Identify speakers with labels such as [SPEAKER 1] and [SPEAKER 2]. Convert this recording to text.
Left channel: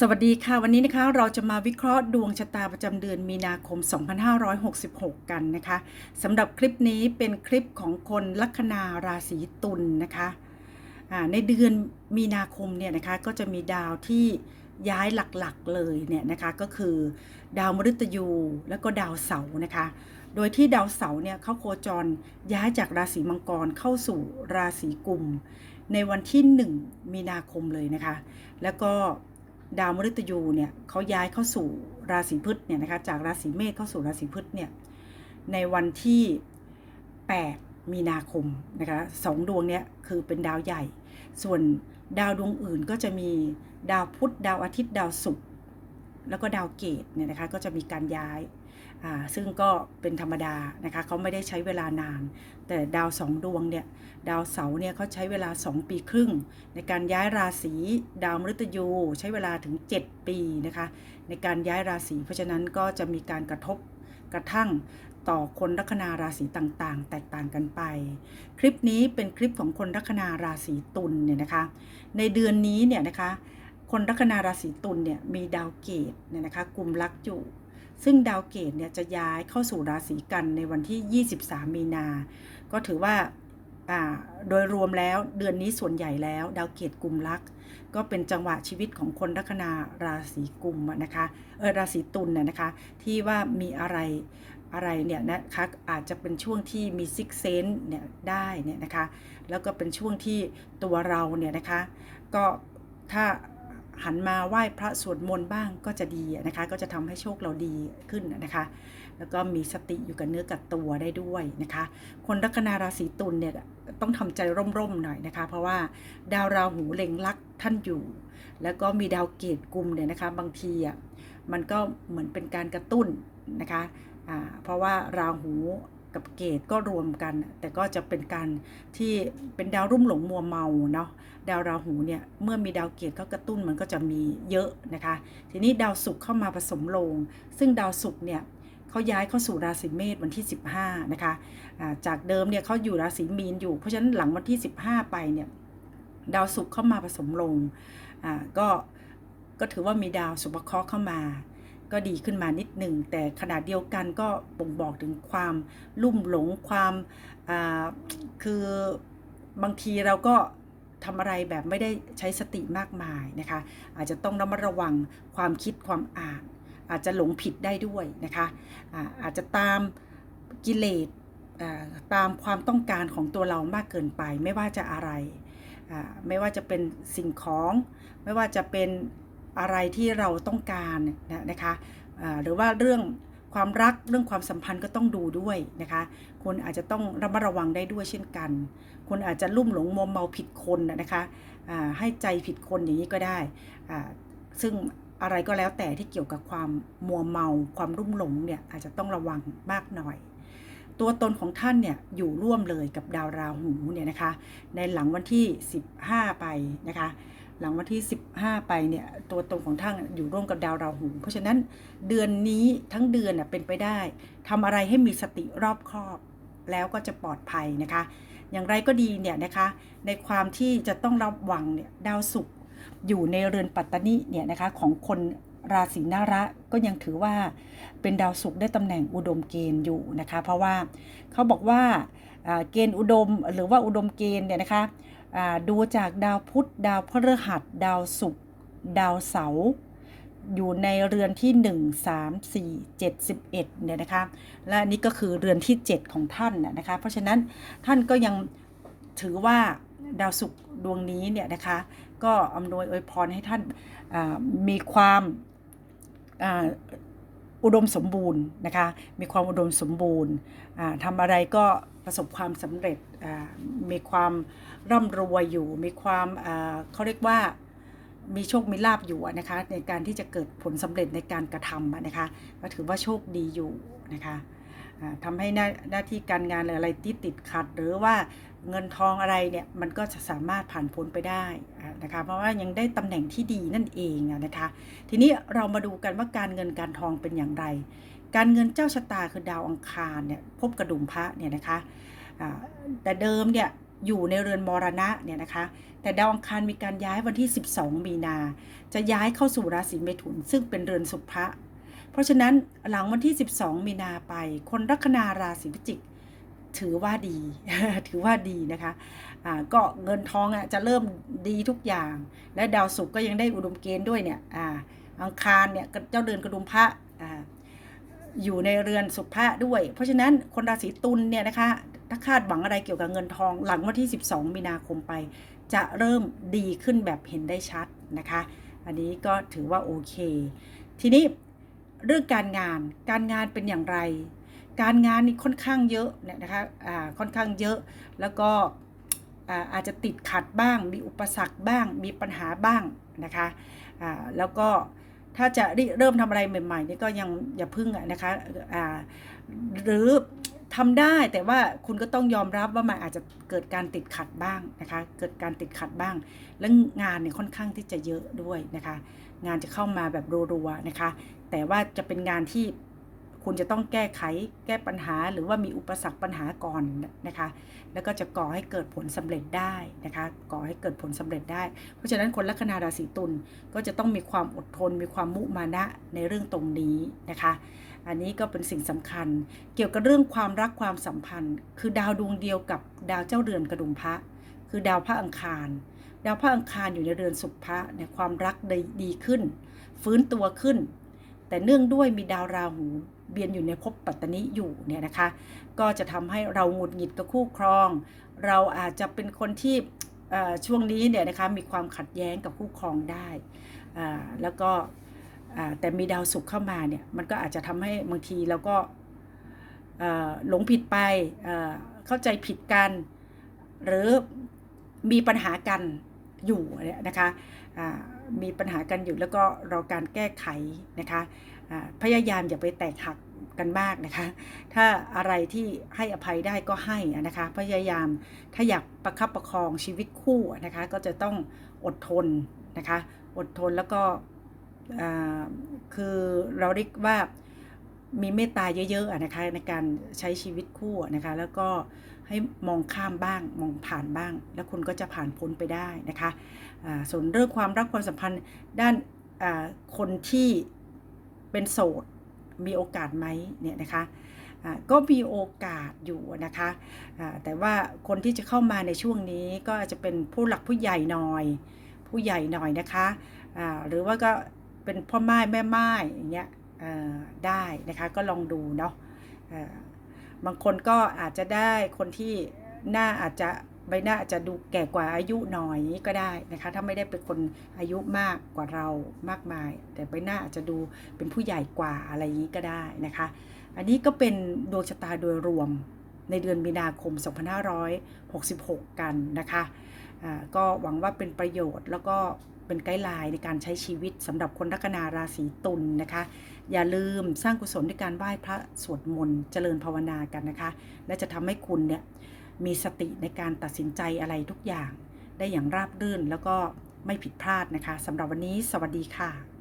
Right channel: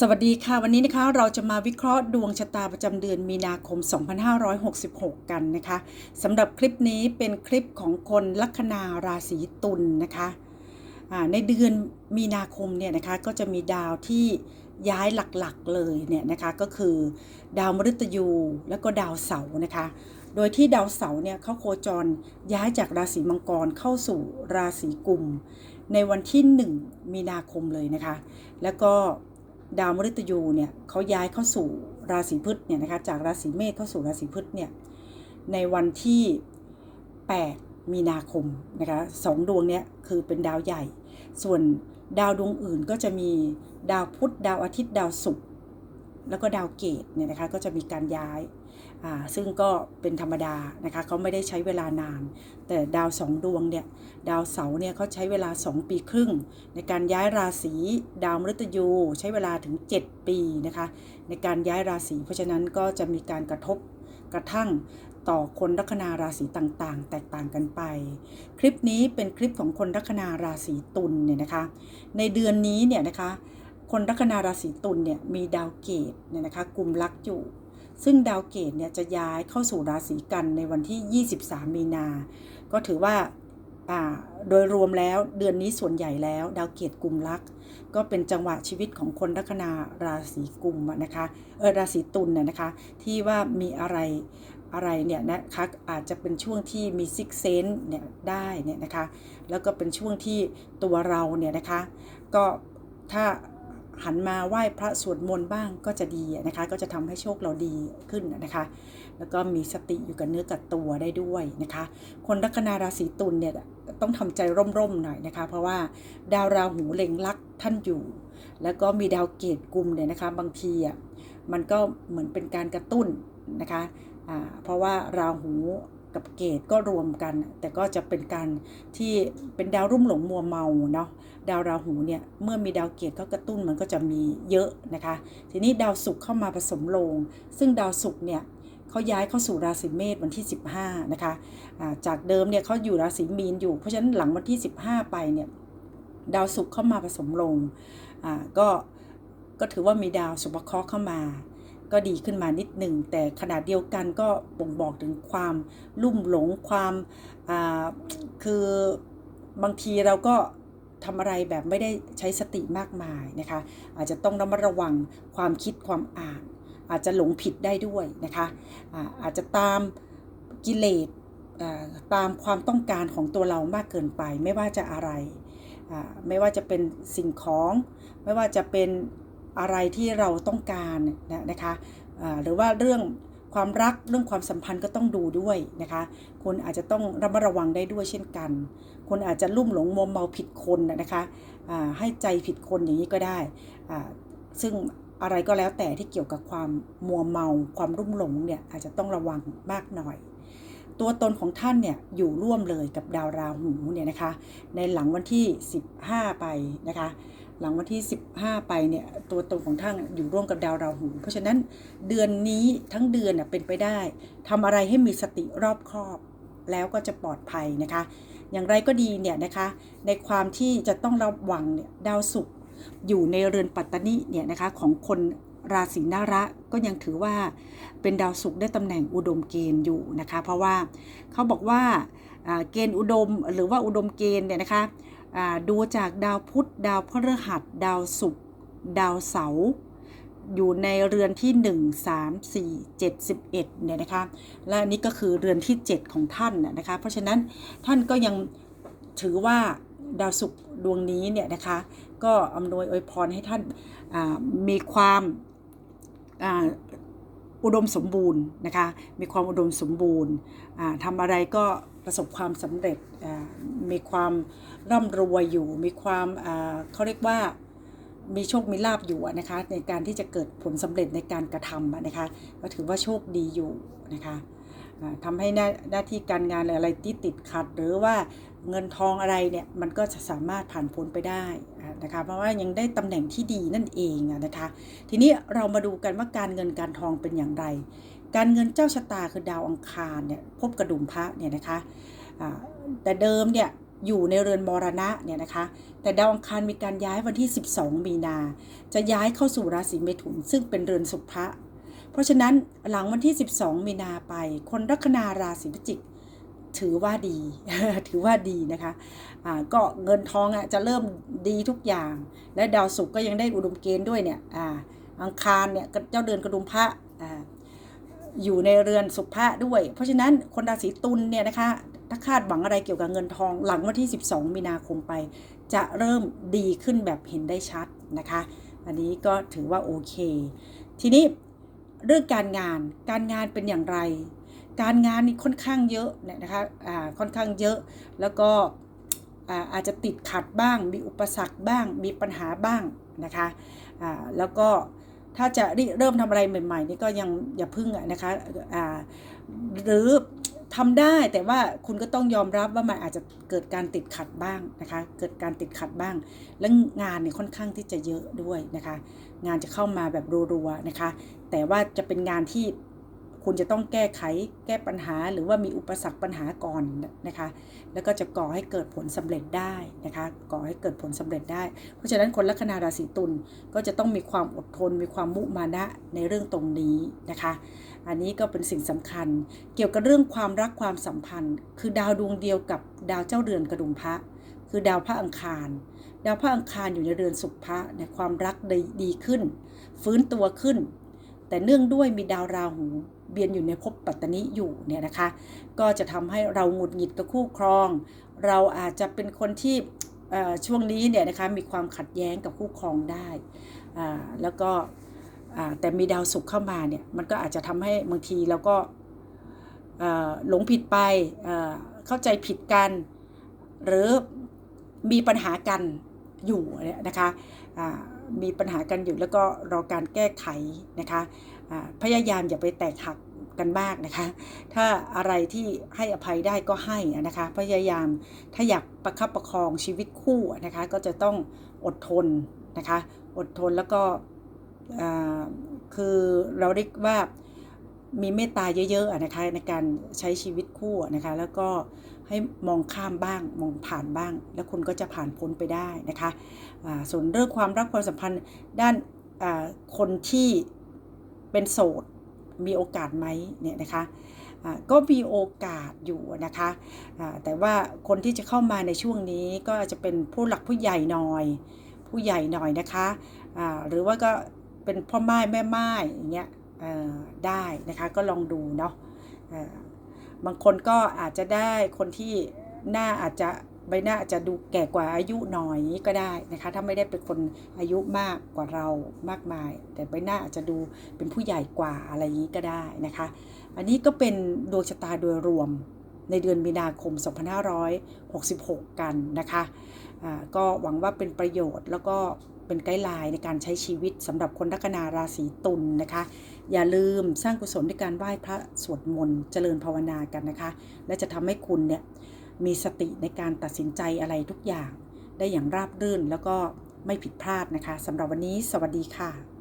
[SPEAKER 1] สวัสดีค่ะ วันนี้นะคะเราจะมาวิเคราะห์ดวงชะตาประจำเดือนมีนาคม 2566 กันนะคะสำหรับคลิปนี้เป็นคลิปของคนลัคนาราศีตุลนนะคะในเดือนมีนาคมเนี่ยนะคะก็จะมีดาวที่ย้ายหลักๆเลยเนี่ยนะคะก็คือดาวมฤตยูแล้วก็ดาวเสาร์นะคะโดยที่ดาวเสาร์เนี่ยเขาโคจรย้ายจากราศีมังกรเข้าสู่ราศีกุม ในวันที่ 1 มีนาคมเลยนะคะ แล้วก็ ดาวมฤตยูเนี่ยเขาย้ายเข้าสู่ราศีพฤษเนี่ยนะคะจากราศีเมษเข้าสู่ราศีพฤษเนี่ยในวันที่ 8 มีนาคมนะคะสองดวงเนี้ยคือเป็นดาวใหญ่ ส่วนดาวดวงอื่นก็จะมีดาวพุธดาวอาทิตย์ดาวศุกร์ แล้วก็ดาวเกตเนี่ยนะคะก็จะมีการย้ายอ่าซึ่งก็เป็นธรรมดานะคะเขาไม่ได้ใช้เวลานาน แต่ดาวสองดวงเนี่ยดาวเสาร์เนี่ยเขาใช้เวลา 2 ปีครึ่ง ในการย้ายราศีดาวมฤตยู ใช้เวลาถึง 7 ปีนะคะในการย้ายราศีเพราะฉะนั้นก็จะมีการกระทบกระทั่งต่อคนลัคนาราศีต่างๆ แตกต่างกันไป คลิปนี้เป็นคลิปของคนลัคนาราศีตุลเนี่ยนะคะในเดือนนี้เนี่ยนะคะ คนลัคนาราศีตุลเนี่ยมีดาวเกตเนี่ยนะคะกลุ่มลักอยู่ ซึ่งดาวเกตเนี่ยจะย้ายเข้าสู่ราศีกันในวันที่ 23 มีนา ก็ถือว่าอ่าโดยรวมแล้วเดือนนี้ส่วนใหญ่แล้ว ดาวเกตกลุ่มลักก็เป็นจังหวะชีวิตของคนลัคนาราศีกุมนะคะเออราศีตุลน่ะนะคะที่ว่ามีอะไรอะไรเนี่ยนะคะอาจจะเป็นช่วงที่มีซิกเซนเนี่ยได้เนี่ยนะคะแล้วก็เป็นช่วงที่ตัวเราเนี่ยนะคะก็ถ้า หันมาไหว้พระสวดมนต์บ้างก็จะดีนะคะ ก็จะทำให้โชคเราดีขึ้นนะคะ แล้วก็มีสติอยู่กับเนื้อกับตัวได้ด้วยนะคะ คนลัคนาราศีตุลเนี่ยต้องทำใจร่มๆหน่อยนะคะ เพราะว่าดาวราหูเล็งลักท่านอยู่ แล้วก็มีดาวเกตกลุ่มเนี่ยนะคะบางทีอะมันก็เหมือนเป็นการกระตุ้นนะคะอ่าเพราะว่าราหู กับเกตก็รวมกัน แต่ก็จะเป็นการที่เป็นดาวรุ่มหลงมัวเมาเนาะดาวราหูเนี่ยเมื่อมีดาวเกตเขากระตุ้นมันก็จะมีเยอะนะคะ ทีนี้ดาวศุกร์เข้ามาผสมลง ซึ่งดาวศุกร์เนี่ยเขาย้ายเข้าสู่ราศีเมษวันที่ 15 นะคะอ่าจากเดิมเนี่ยเขาอยู่ราศีมีนอยู่ เพราะฉะนั้นหลังวันที่ 15 ไปเนี่ยดาวศุกร์เข้ามาผสมลงก็ก็ถือว่ามีดาวสุภเคราะห์เข้ามา ก็ดีขึ้นมานิดหนึ่ง แต่ขนาดเดียวกันก็บ่งบอกถึงความลุ่มหลงความคือบางทีเราก็ทำอะไรแบบไม่ได้ใช้สติมากมายนะคะ อาจจะต้องระมัดระวังความคิดความอ่าน อาจจะหลงผิดได้ด้วยนะคะอาอาจจะตามกิเลสตามความต้องการของตัวเรามากเกินไป ไม่ว่าจะอะไร ไม่ว่าจะเป็นสิ่งของ ไม่ว่าจะเป็น อะไรที่เราต้องการนะนะคะหรือว่าเรื่องความรักเรื่องความสัมพันธ์ก็ต้องดูด้วยนะคะ คนอาจจะต้องระมัดระวังได้ด้วยเช่นกัน คนอาจจะลุ่มหลงมัวเมาผิดคนนะนะคะให้ใจผิดคนอย่างนี้ก็ได้ ซึ่งอะไรก็แล้วแต่ที่เกี่ยวกับความมัวเมาความรุ่มหลงเนี่ยอาจจะต้องระวังมากหน่อย ตัวตนของท่านเนี่ยอยู่ร่วมเลยกับดาวราหูเนี่ยนะคะ ในหลังวันที่ 15 ไปนะคะ หลังวันที่ 15 ไปเนี่ยตัวตนของท่านอยู่ร่วมกับดาวราหู เพราะฉะนั้นเดือนนี้ทั้งเดือนน่ะเป็นไปได้ทำอะไรให้มีสติรอบคอบ แล้วก็จะปลอดภัยนะคะ อย่างไรก็ดีเนี่ยนะคะในความที่จะต้องระวังเนี่ยดาวศุกร์อยู่ในเรือนปัตตานิเนี่ยนะคะของคนราศีนาระก็ยังถือว่าเป็นดาวศุกร์ได้ตำแหน่งอุดมเกณฑ์อยู่นะคะ เพราะว่าเขาบอกว่าเกณฑ์อุดมหรือว่าอุดมเกณฑ์เนี่ยนะคะ ดูจากดาวพุธดาวพฤหัส ดาวศุกร์ดาวเสาร์อยู่ในเรือนที่ 1 3 4 7 11เนี่ยนะคะ และอันนี้ก็คือเรือนที่ 7 ของท่านนะคะ เพราะฉะนั้นท่านก็ยังถือว่าดาวศุกร์ดวงนี้เนี่ยนะคะ ก็อำนวยอวยพรให้ท่านมีความอุดมสมบูรณ์นะคะ มีความอุดมสมบูรณ์ทำอะไรก็ ประสบความสำเร็จมีความร่ำรวยอยู่ มีความเขาเรียกว่ามีโชคมีลาบอยู่นะคะในการที่จะเกิดผลสำเร็จในการกระทำนะคะก็ถือว่าโชคดีอยู่นะคะอ่าทำให้หน้าหน้าที่การงานหรืออะไรที่ติดขัด หรือว่าเงินทองอะไรเนี่ยมันก็จะสามารถผ่านพ้นไปได้นะคะเพราะว่ายังได้ตำแหน่งที่ดีนั่นเองนะคะทีนี้เรามาดูกันว่าการเงินการทองเป็นอย่างไร การเงินเจ้าชะตาคือดาวอังคารเนี่ยพบกระดุมพระเนี่ยนะคะแต่เดิมเนี่ยอยู่ในเรือนมรณะเนี่ยนะคะ แต่ดาวอังคารมีการย้ายวันที่ 12 มีนา จะย้ายเข้าสู่ราศีเมถุน ซึ่งเป็นเรือนสุภะเพราะฉะนั้นหลังวันที่ 12 มีนาไป คนลัคนาราศีพิจิก ถือว่าดี ถือว่าดีนะคะก็เงินทองอะจะเริ่มดีทุกอย่าง และดาวศุกร์ก็ยังได้อุดมเกณฑ์ด้วยเนี่ยออังคารเนี่ยเจ้าเดือนกระดุมพระ อยู่ในเรือนสุภะด้วย เพราะฉะนั้นคนราศีตุลเนี่ยนะคะ ถ้าคาดหวังอะไรเกี่ยวกับเงินทอง หลังวันที่ 12 มีนาคมไป จะเริ่มดีขึ้นแบบเห็นได้ชัดนะคะ อันนี้ก็ถือว่าโอเค ทีนี้เรื่องการงาน การงานเป็นอย่างไร การงานนี่ค่อนข้างเยอะเนี่ยนะคะอ่าค่อนข้างเยอะ แล้วก็อาอาจจะติดขัดบ้าง มีอุปสรรคบ้าง มีปัญหาบ้างนะคะอ่าแล้วก็ ถ้าจะเริ่มทำอะไรใหม่ๆนี่ก็ยังอย่าพึ่งนะคะหรือทำได้แต่ว่าคุณก็ต้องยอมรับว่ามันอาจจะเกิดการติดขัดบ้างนะคะเกิดการติดขัดบ้าง และงานเนี่ยค่อนข้างที่จะเยอะด้วยนะคะ งานจะเข้ามาแบบรัวๆนะคะ แต่ว่าจะเป็นงานที่ คุณจะต้องแก้ไขแก้ปัญหาหรือว่ามีอุปสรรคปัญหาก่อนนะคะ แล้วก็จะก่อให้เกิดผลสำเร็จได้นะคะ ก่อให้เกิดผลสำเร็จได้ เพราะฉะนั้นคนลัคนาราศีตุลก็จะต้องมีความอดทน มีความมุมานะในเรื่องตรงนี้นะคะ อันนี้ก็เป็นสิ่งสำคัญ เกี่ยวกับเรื่องความรักความสัมพันธ์ คือดาวดวงเดียวกับดาวเจ้าเรือนกระดุมพระคือดาวพระอังคาร ดาวพระอังคารอยู่ในเรือนสุภะในความรักดีดีขึ้น ฟื้นตัวขึ้น แต่เนื่องด้วยมีดาวราหู เบียนอยู่ในภพปัตตนิอยู่เนี่ยนะคะ ก็จะทำให้เราหงุดหงิดกับคู่ครอง เราอาจจะเป็นคนที่ช่วงนี้เนี่ยนะคะมีความขัดแย้งกับคู่ครองได้ แล้วก็แต่มีดาวศุกร์เข้ามาเนี่ยมันก็อาจจะทำให้บางทีเราก็หลงผิดไปเข้าใจผิดกัน หรือมีปัญหากันอยู่เนี่ยนะคะมีปัญหากันอยู่แล้วก็รอการแก้ไขนะคะ พยายามอย่าไปแตกหักกันมากนะคะ ถ้าอะไรที่ให้อภัยได้ก็ให้นะคะ พยายามถ้าอยากประคับประคองชีวิตคู่นะคะ ก็จะต้องอดทนนะคะ อดทนแล้วก็คือเราเรียกว่ามีเมตตาเยอะๆนะคะในการใช้ชีวิตคู่นะคะ แล้วก็ให้มองข้ามบ้างมองผ่านบ้าง แล้วคุณก็จะผ่านพ้นไปได้นะคะส่วนเรื่องความรักความสัมพันธ์ด้านคนที่ เป็นโสดมีโอกาสไหมเนี่ยนะคะก็มีโอกาสอยู่นะคะแต่ว่าคนที่จะเข้ามาในช่วงนี้ก็จจะเป็นผู้หลักผู้ใหญ่หน่อย ผู้ใหญ่หน่อยนะคะหรือว่าก็เป็นพ่อไม้แม่ไม้อย่างเงี้ยได้นะคะก็ลองดูเนาะบางคนก็อาจจะได้คนที่หน้าอาจจะ ใบหน้าอาจจะดูแก่กว่าอายุหน่อยก็ได้นะคะ ถ้าไม่ได้เป็นคนอายุมากกว่าเรามากมาย แต่ใบหน้าอาจจะดูเป็นผู้ใหญ่กว่าอะไรอย่างนี้ก็ได้นะคะ อันนี้ก็เป็นดวงชะตาโดยรวมในเดือนมีนาคม 2566 กันนะคะอ่าก็หวังว่าเป็นประโยชน์แล้วก็เป็นไกด์ไลน์ในการใช้ชีวิตสำหรับคนลัคนาราศีตุลนะคะ อย่าลืมสร้างกุศลด้วยการไหว้พระสวดมนต์เจริญภาวนากันนะคะ และจะทำให้คุณเนี่ย มีสติในการตัดสินใจอะไรทุกอย่าง ได้อย่างราบรื่นแล้วก็ไม่ผิดพลาดนะคะสำหรับวันนี้ สวัสดีค่ะ